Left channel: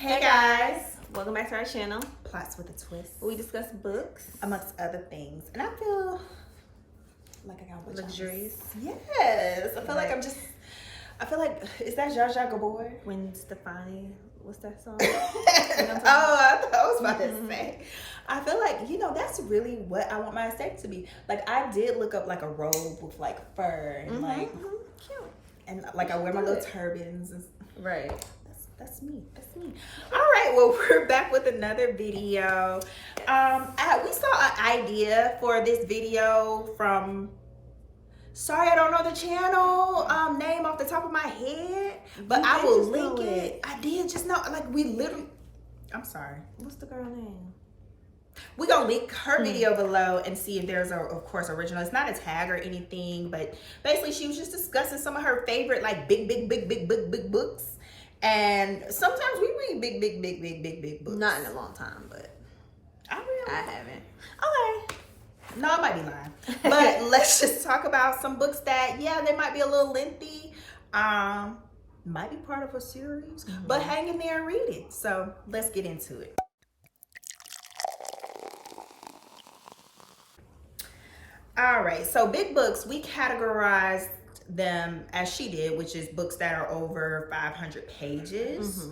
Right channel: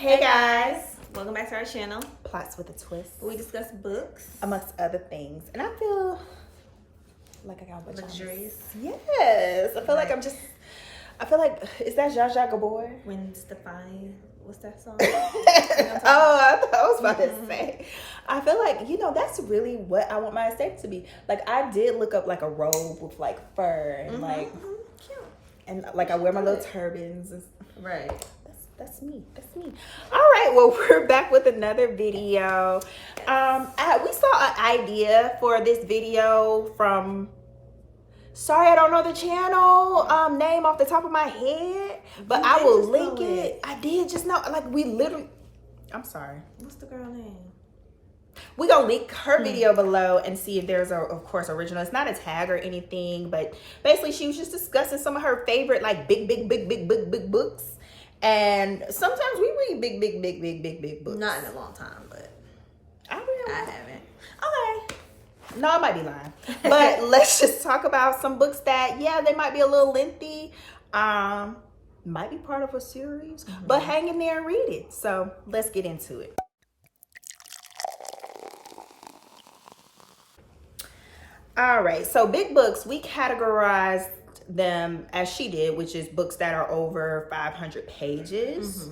Hey guys, welcome back to our channel. Plots with a Twist. We discuss books, amongst other things, and I feel like I got luxurious. Yes, I feel like is that Zsa Zsa Gabor? When Stefani, what's that song? Oh, I thought I was about to say. I feel like that's really what I want my estate to be. Like I did look up like a robe with like fur and cute, and like I wear my little turbans. Right. That's me. All right, well, we're back with another video. We saw an idea for this video from, sorry, I don't know the channel name off the top of my head, but I will link it. I did just know, like we literally, I'm sorry. What's the girl name? We're gonna link her video below and see if there's of course original. It's not a tag or anything, but basically she was just discussing some of her favorite like big books. And sometimes we read big books. Not in a long time, but I haven't. Okay. No, I might be lying. But let's just talk about some books that, they might be a little lengthy. Might be part of a series, but hang in there and read it. So let's get into it. All right, so big books, we categorize them as she did, which is books that are over 500 pages.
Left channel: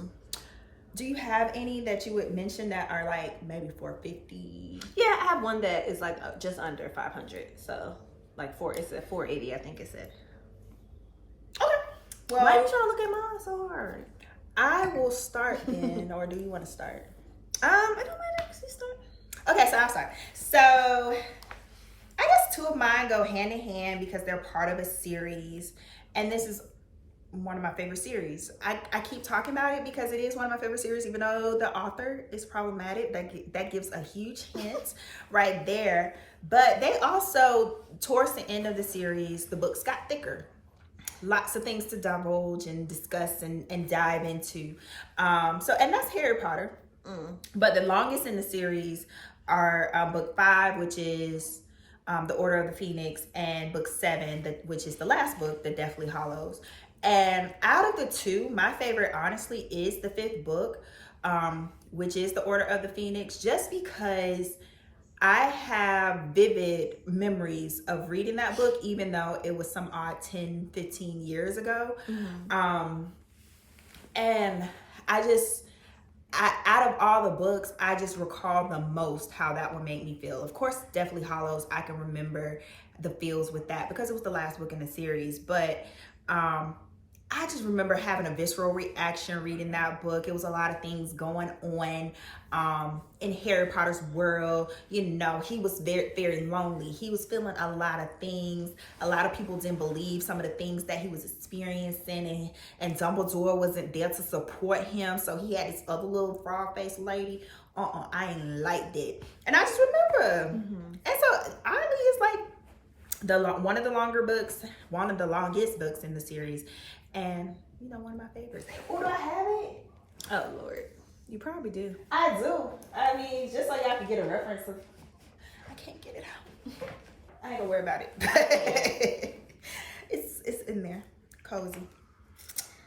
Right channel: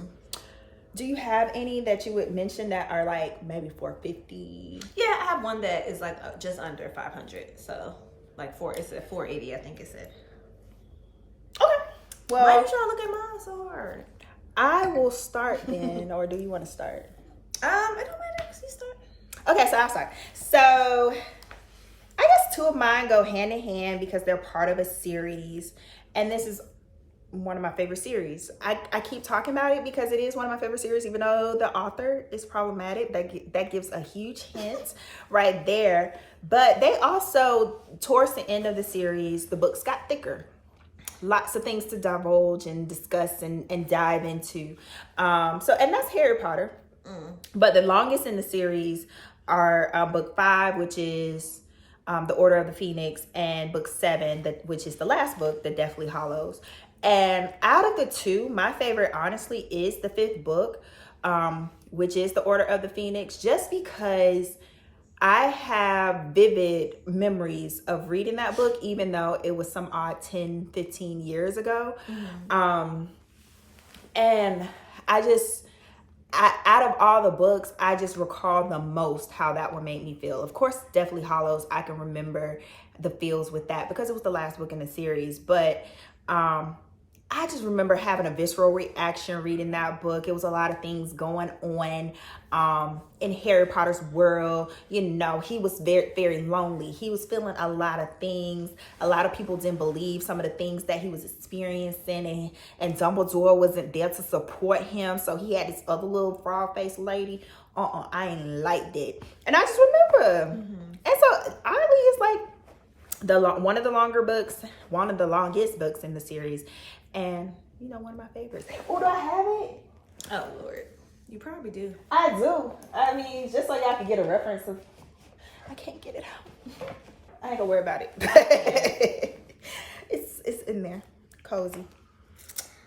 Do you have any that you would mention that are like maybe 450? Yeah, I have one that is like just under 500. So like it's at 480, I think it said. Okay. Well, why are you trying to look at mine so hard? I will start then, or do you want to start? It don't matter. You start. Okay, so I'll start. So I guess two of mine go hand in hand because they're part of a series, and this is one of my favorite series. I keep talking about it because it is one of my favorite series, even though the author is problematic. That gives a huge hint right there. But they also, towards the end of the series, the books got thicker. Lots of things to divulge and discuss and dive into. And that's Harry Potter. But the longest in the series are book 5, which is The Order of the Phoenix, and book 7, which is the last book, The Deathly Hallows. And out of the two, my favorite, honestly, is the 5th book, which is The Order of the Phoenix, just because I have vivid memories of reading that book, even though it was some odd 10, 15 years ago. And out of all the books, I just recall the most how that one made me feel. Of course, Deathly Hallows, I can remember the feels with that because it was the last book in the series. But I just remember having a visceral reaction reading that book. It was a lot of things going on in Harry Potter's world. He was very, very lonely. He was feeling a lot of things. A lot of people didn't believe some of the things that he was experiencing, and Dumbledore wasn't there to support him. So he had this other little frog-faced lady. I ain't liked it. And I just remember. And so oddly, it's like one of the longest books in the series. And, one of my favorites. Oh, do I have it? Oh, Lord. You probably do. I do. I mean, just so y'all can get a reference of... I can't get it out. I ain't gonna worry about it. It's in there. Cozy.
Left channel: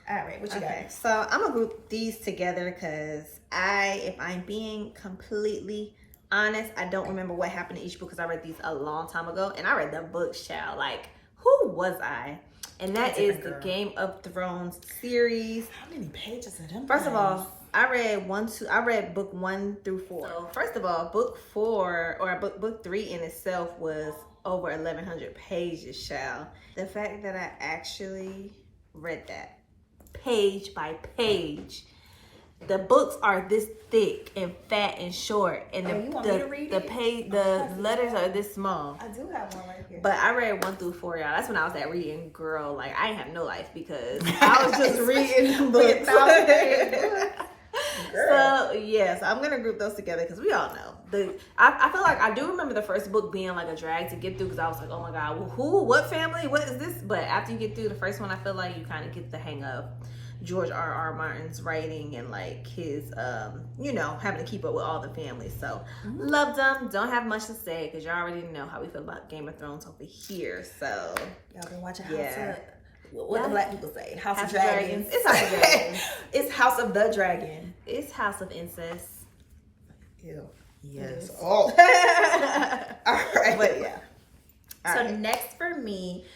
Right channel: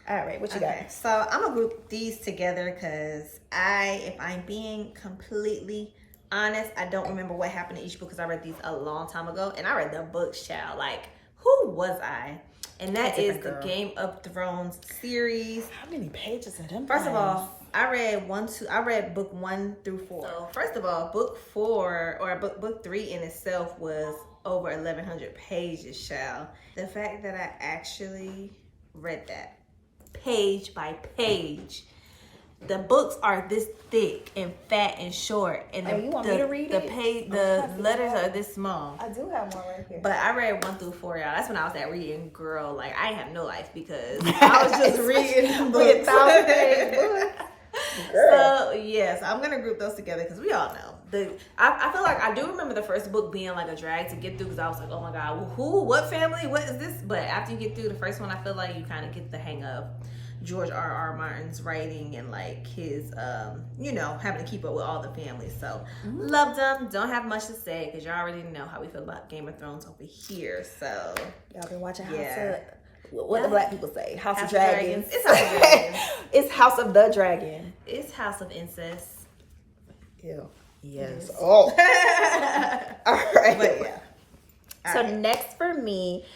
All right, what you got? So I'm gonna group these together because if I'm being completely honest, I don't remember what happened to each book because I read these a long time ago. And I read the books, child. Like, who was I? And that is the Game of Thrones series. How many pages are them? First of all, I read book 1 through 4. So first of all, book 4 or book 3 in itself was over 1,100 pages, child. The fact that I actually read that page by page. The books are this thick and fat and short, and the letters are this small. I do have one right here. But I read 1 through 4, y'all. That's when I was at reading, girl. Like, I ain't have no life because I was just reading the books. So yes, I'm gonna group those together because we all know I feel like I do remember the first book being like a drag to get through because I was like, oh my god, what family, what is this? But after you get through the first one, I feel like you kind of get the hang of George R.R. Martin's writing and like his having to keep up with all the families. So loved them. Don't have much to say because y'all already know how we feel about Game of Thrones over here. So y'all been watching What the black people say? House of Dragons. Dragons. It's House of Dragons. It's House of the Dragon. It's House of Incest. Ew. It Yes. is. Oh. All right. But yeah. So next for me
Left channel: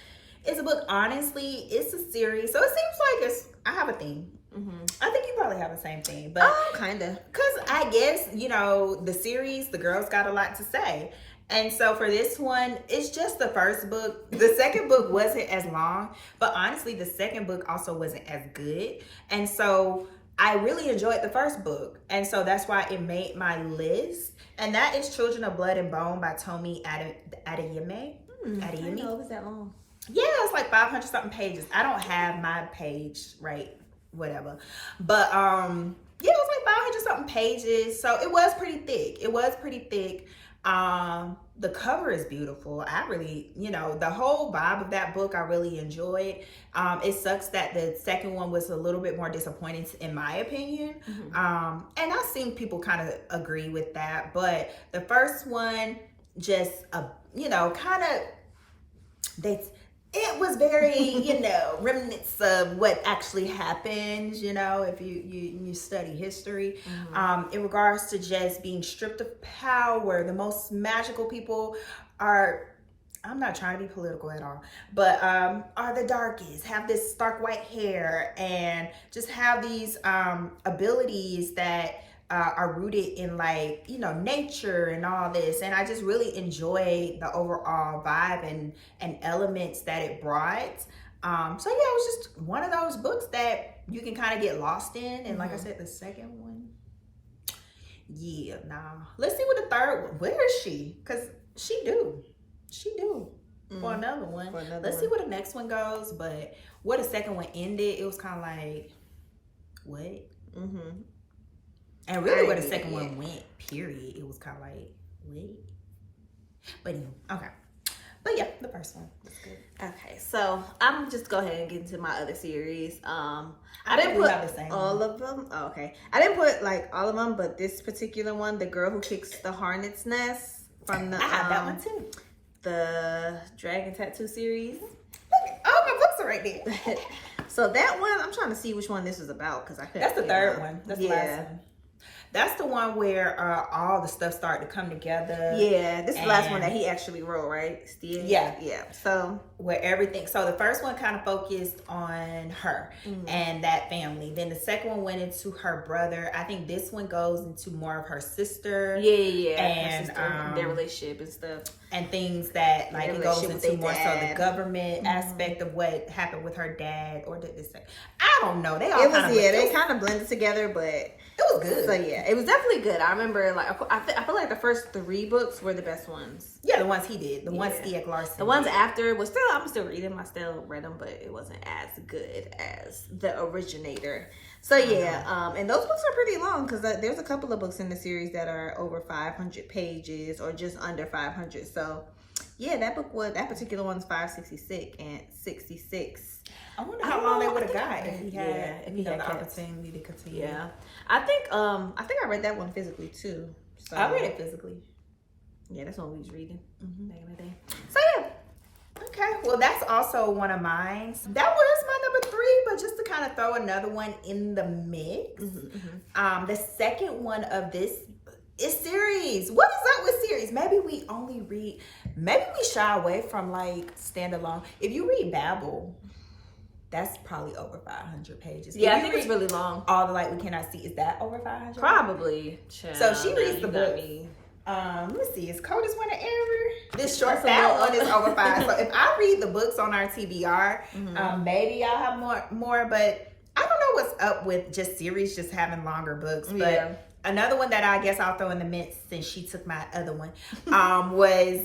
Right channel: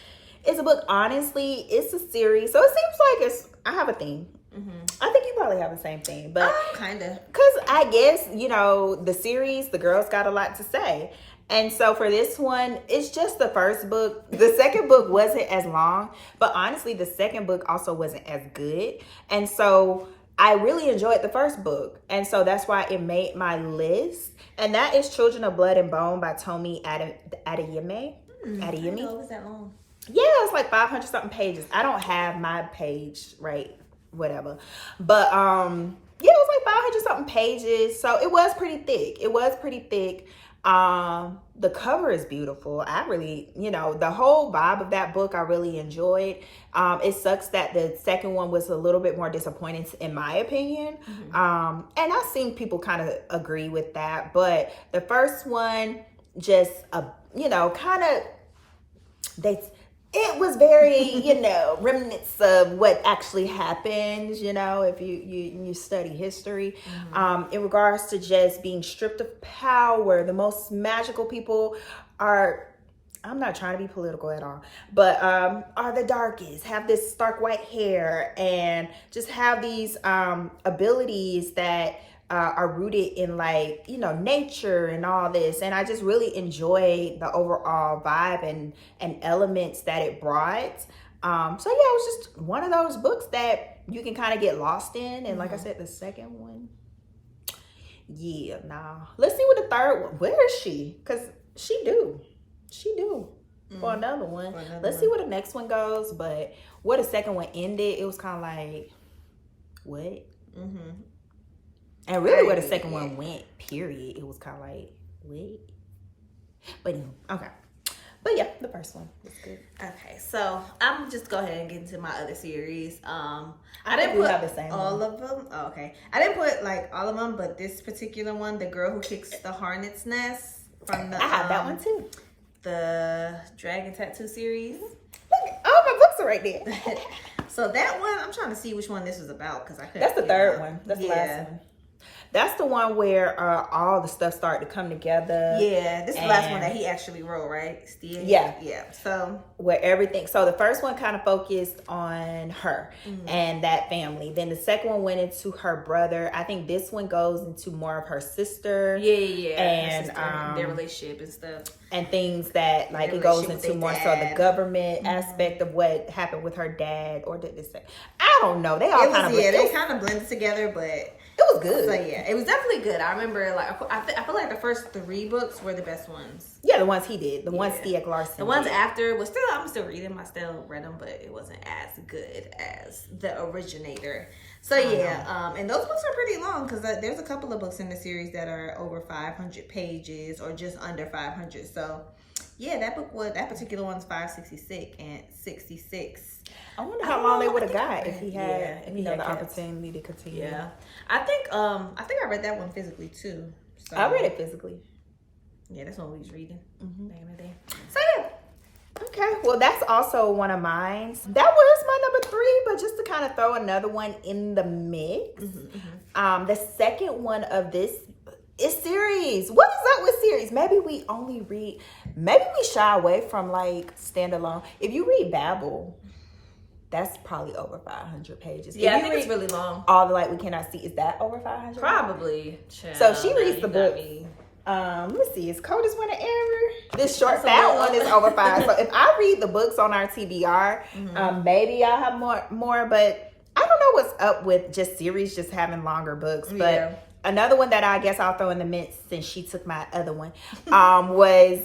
is a book. Honestly, it's a series. So it seems like I have a theme. I think you probably have the same thing, but kind of. Because I guess, you know, the series, the girls got a lot to say. And so for this one, it's just the first book. The second book wasn't as long, but honestly, the second book also wasn't as good. And so I really enjoyed the first book. And so that's why it made my list. And that is Children of Blood and Bone by TOMI ADEYEMI. I didn't know it was that long. Yeah, it's like 500 something pages. I don't have my page, right? Whatever. But yeah, it was like 500 something pages. So it was pretty thick. The cover is beautiful. I really, you know, the whole vibe of that book I really enjoyed. It sucks that the second one was a little bit more disappointing in my opinion. And I've seen people kind of agree with that, but the first one just you know, kind of it was very, you know, remnants of what actually happened, you know, if you study history, in regards to just being stripped of power. The most magical people are, I'm not trying to be political at all, but are the darkest, have this stark white hair, and just have these abilities that are rooted in, like, you know, nature and all this. And I just really enjoyed the overall vibe and elements that it brought. So yeah, it was just one of those books that you can kind of get lost in. And like I said, the second one, yeah, nah. Let's see what the third one, where is she? Because she due for another one. Let's see where the next one goes. But where the second one ended, it was kind of like, what? And really where the second one went, period, it was kind of like, wait. But anyway, okay. But yeah, the first one was good. Okay, so I'm just go ahead and get into my other series. I didn't put all of them. Oh, okay. I didn't put like all of them, but this particular one, The Girl Who Kicks the Hornet's Nest, from the I had that one too. The Dragon Tattoo series. Look, all my books are right there. So that one, I'm trying to see which one this was about, because I couldn't. That's the third one. That's the last one. That's the one where all the stuff started to come together. Yeah, this is the last one that he actually wrote, right? Still? Yeah. So where everything, so the first one kind of focused on her and that family. Then the second one went into her brother. I think this one goes into more of her sister. Yeah. And her sister, their relationship and stuff. And things that, like, it goes into more so the government aspect of what happened with her dad, or did this say? I don't know. They all they kind of blended together, but it was good. So yeah, it was definitely good. I remember, like, I feel like the first 3 books were the best ones. Yeah, the ones he did. The ones Stieg Larsson. The ones after was still, I'm still reading them. I still read them, but it wasn't as good as the originator. So yeah, and those books are pretty long, because there's a couple of books in the series that are over 500 pages or just under 500. So yeah, that particular one's 566 and 66. I wonder how long they would have got if he had, if he had the opportunity to continue. Yeah, I think I read that one physically too. So I read it physically. Yeah, that's what we was reading back in the day. So yeah. Okay, well, that's also one of mine. That was my number 3, but just to kind of throw another one in the mix. The second one of this is series. What is up with series? Maybe we shy away from, like, standalone. If you read Babel, that's probably over 500 pages. Yeah, I think it's really long. All the Light We Cannot See, is that over 500? Probably. So she reads the book. Let me see, is Cold as Winter Ever? This short, that one is over 5. So if I read the books on our TBR, maybe I'll have more, but I don't know what's up with just series just having longer books. But another one that I guess I'll throw in the mix, since she took my other one, was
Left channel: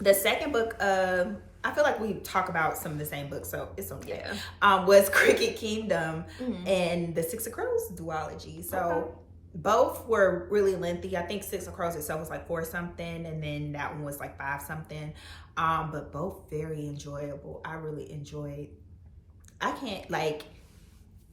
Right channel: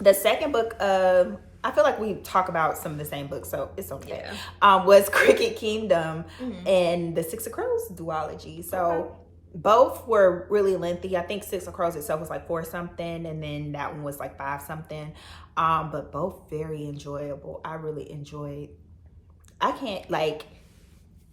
the second book of, I feel like we talk about some of the same books, so it's okay. Was Cricket Kingdom and the Six of Crows duology. So both were really lengthy. I think Six of Crows itself was like 4 something, and then that one was like 5 something. But both very enjoyable. I really enjoyed. I can't, like,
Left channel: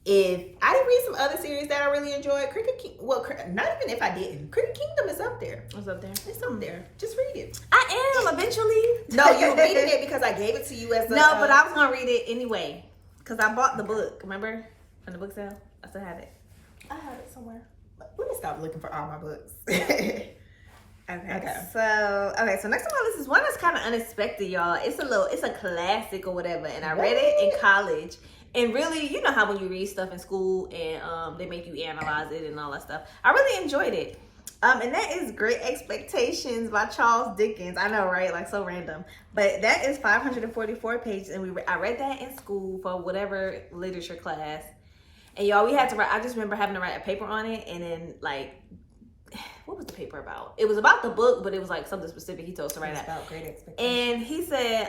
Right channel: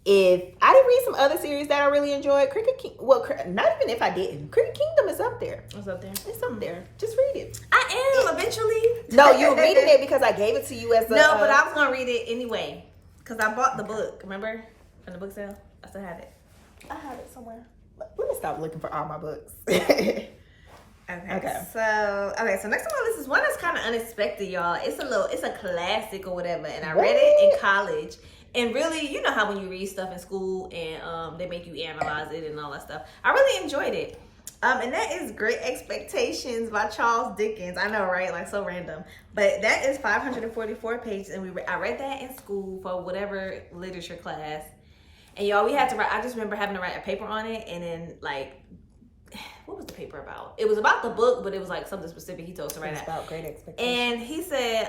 if I didn't read some other series that I really enjoyed, not even if I didn't, Cricket Kingdom is up there. What's up there? It's up there. Just read it. I am eventually. No, you were reading it because I gave it to you as a... No, but I was gonna read it anyway because I bought the book. Remember from the book sale? I still have it. I have it somewhere. Let me stop looking for all my books. Okay. So next on my list is one that's kind of unexpected, y'all. It's a classic or whatever, and I read it in college. And really, you know how when you read stuff in school and they make you analyze it and all that stuff. I really enjoyed it. And that is Great Expectations by Charles Dickens. I know, right? Like, so random. But that is 544 pages, and I read that in school for whatever literature class. And y'all, we had to write, I just remember having to write a paper on it, and then, like, what was the paper about? It was about the book, but it was like something specific he told us to write out. And he said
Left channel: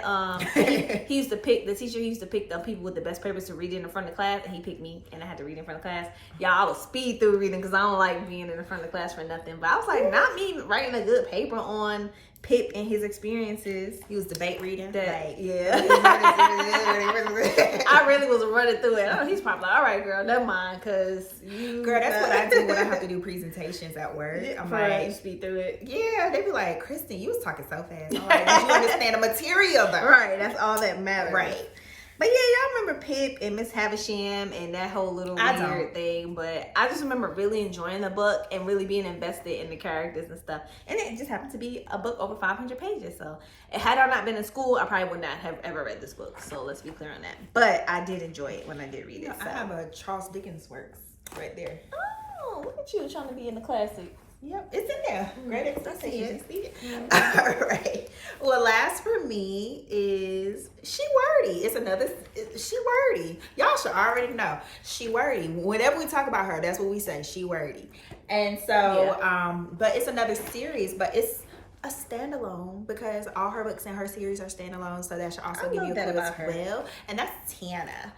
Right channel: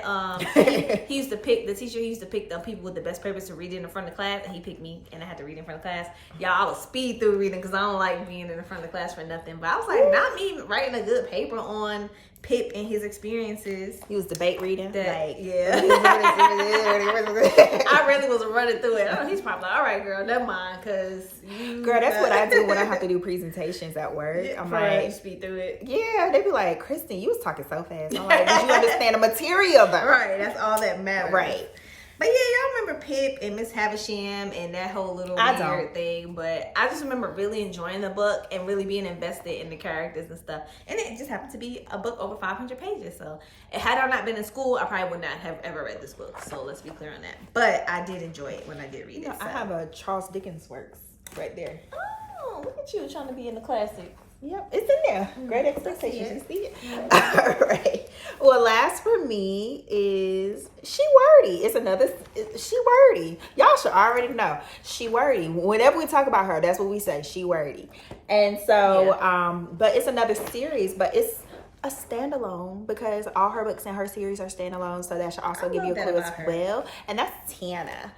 he used to pick, the teacher used to pick the people with the best papers to read in the front of the class, and he picked me, and I had to read in front of class. Y'all, I would speed through reading because I don't like being in the front of the class for nothing. But I was like, not me writing a good paper on Pip and his experiences. He was debate reading. Yeah. I really was running through it. Oh, he's probably like, all right, girl, never mind, because you... Girl, that's what I do when I have to do presentations at work. I'm like, you speed through it. Yeah, they be like, Kristen, you was talking so fast. I'm like, did you understand the material though? Right, that's all that matters. Right. But yeah, y'all remember Pip and Miss Havisham and that whole little weird thing. But I just remember really enjoying the book and really being invested in the characters and stuff. And it just happened to be a book over 500 pages. So had I not been in school, I probably would not have ever read this book. So let's be clear on that. But I did enjoy it when I did read it. So. I have a Charles Dickens works right there. Oh, look at you trying to be in the classic. Yep, it's in there. Great Expectations. You see it? All right. Well, last for me is She Wordy. It's another She Wordy. Y'all should already know. She Wordy. Whenever we talk about her, that's what we say. She Wordy. And so, but it's another series, but it's a standalone because all her books in her series are standalone. So that should also give you a clue as well. And that's Tana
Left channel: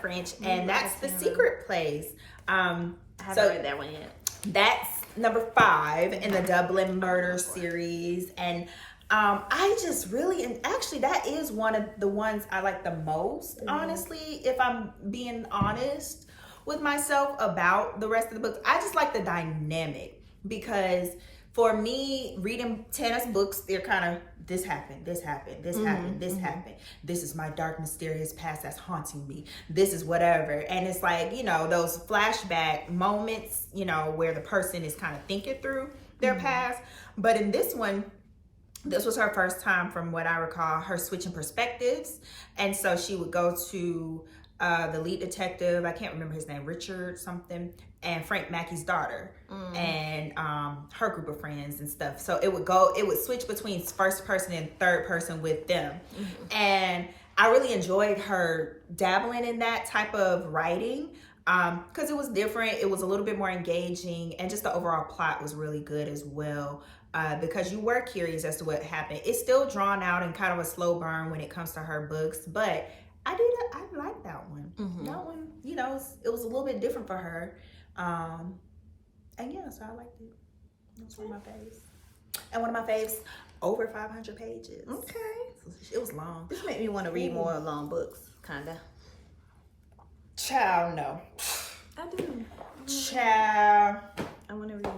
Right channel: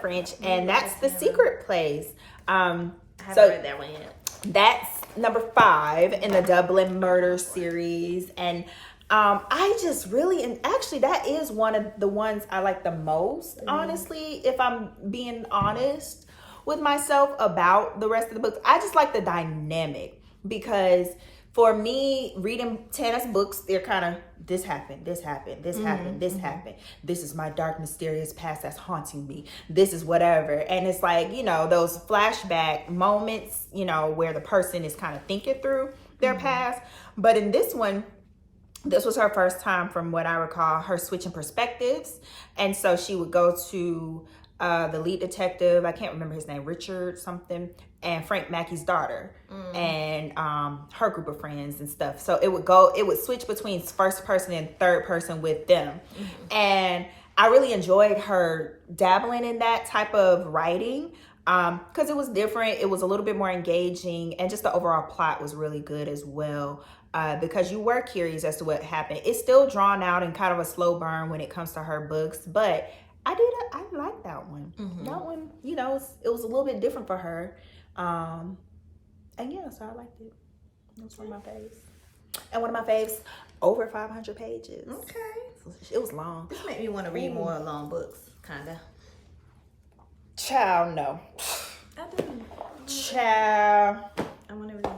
French, and that's The Secret Place. I haven't read that one yet. That's number 5 in the Dublin Murder series, and I just really, and actually that is one of the ones I like the most, honestly, if I'm being honest with myself about the rest of the books. I just like the dynamic, because for me, reading Tana's books, they're kind of, this happened, this happened, this happened, this happened. This is my dark, mysterious past that's haunting me. This is whatever. And it's like, you know, those flashback moments, you know, where the person is kind of thinking through their past. But in this one, this was her first time, from what I recall, her switching perspectives. And so she would go to the lead detective, I can't remember his name, Richard something, and Frank Mackey's daughter, and her group of friends and stuff. So it would switch between first person and third person with them. And I really enjoyed her dabbling in that type of writing, because it was different. It was a little bit more engaging, and just the overall plot was really good as well. Because you were curious as to what happened. It's still drawn out and kind of a slow burn when it comes to her books, but I like that one. That one, you know, it was a little bit different for her. And yeah, so I liked it. That's one of my faves. And one of my faves, over 500 pages. Okay. It was long. This made me want to read more long books, kind of. Child, no. I do. Child. I want to read.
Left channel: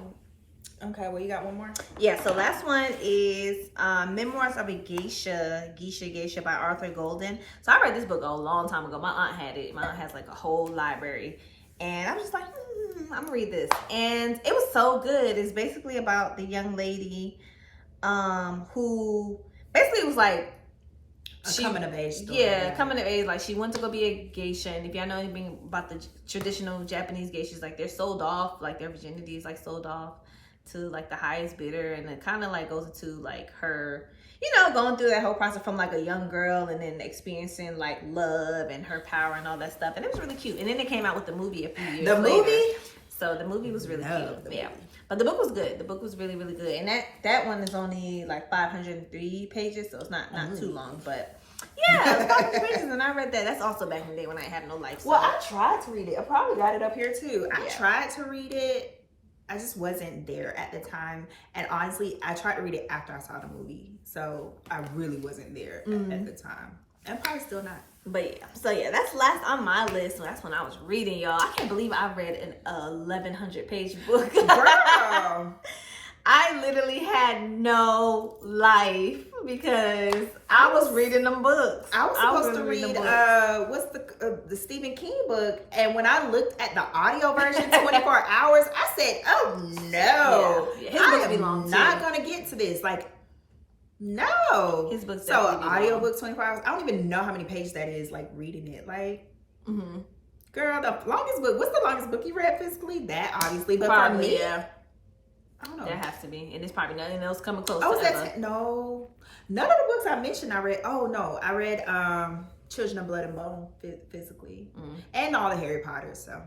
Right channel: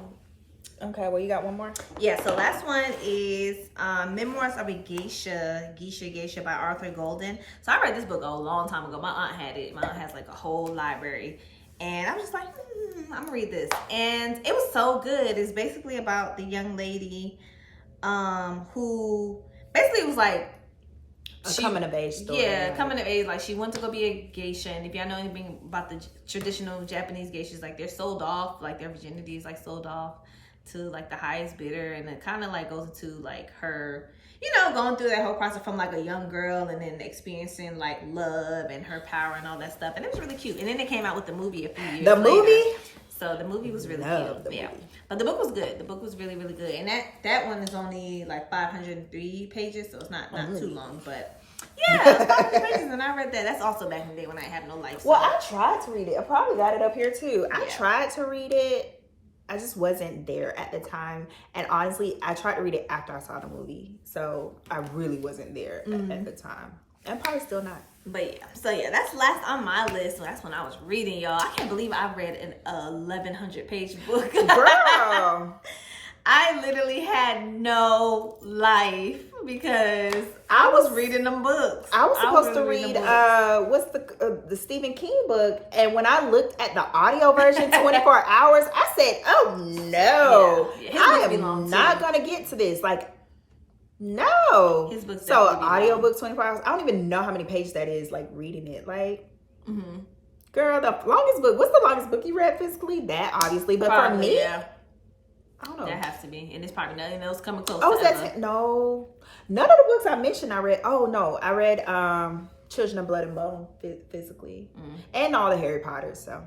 Okay, well, you got one more? Yeah, so last one is Memoirs of a Geisha by Arthur Golden. So I read this book a long time ago. My aunt had it. My aunt has like a whole library. And I was just like, I'm gonna read this. And it was so good. It's basically about the young lady who basically was like, coming of age story. Yeah, coming of age. Like, she went to go be a geisha. And if y'all know anything about the traditional Japanese geishas, like, they're sold off. Like, their virginity is, like, sold off to, like, the highest bidder. And it kind of, like, goes into, like, her, you know, going through that whole process from, like, a young girl and then experiencing, like, love and her power and all that stuff. And it was really cute. And then they came out with the movie a few years later. The movie? So the movie was really cute. Yeah. But the book was good. The book was really, really good. And that one is only like 503 pages, so it's not too long. But yeah, it's 500 pages, and I read that. That's also back in the day when I had no life. Well, I tried to read it. I probably got it up here too. I tried to read it. I just wasn't there at the time. And honestly, I tried to read it after I saw the movie. So I really wasn't there at the time. And probably still not. But yeah, so yeah, that's last on my list. So that's when I was reading, y'all. I can't believe I read an 1,100 page book. Girl. I literally had no life because I was reading them books. I was supposed to read what's the Stephen King book, and when I looked at the audio version, 24 hours, I said, "Oh no, yeah. His books be long I'm not too. gonna get to this." Like, no. His books So audio book 24 hours. I don't even know how many pages that is. Like reading it, like. Girl, the longest book. What's the longest book you read physically? That obviously, but Probably, for me, yeah. I don't know. That has to be, and it's probably nothing else coming close. Oh, to ever. No, none of the books I mentioned I read. Oh no, I read Children of Blood and Bone physically, and all the Harry Potters. So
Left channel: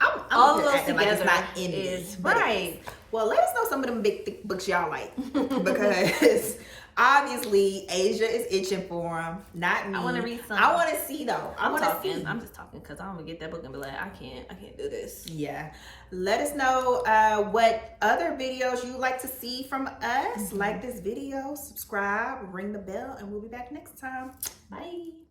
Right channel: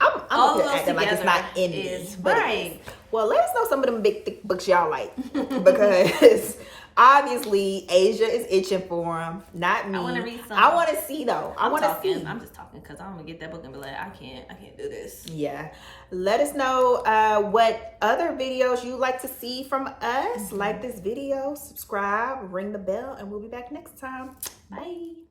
I'm all of those acting together like it's not in is me, right. Well, let us know some of them big thick books y'all like because obviously Asia is itching for them, not me. I want to read some. I want to see though. I'm just talking because I'm gonna get that book and be like, I can't do this. Yeah. Let us know what other videos you'd like to see from us. Like this video, subscribe, ring the bell, and we'll be back next time. Bye.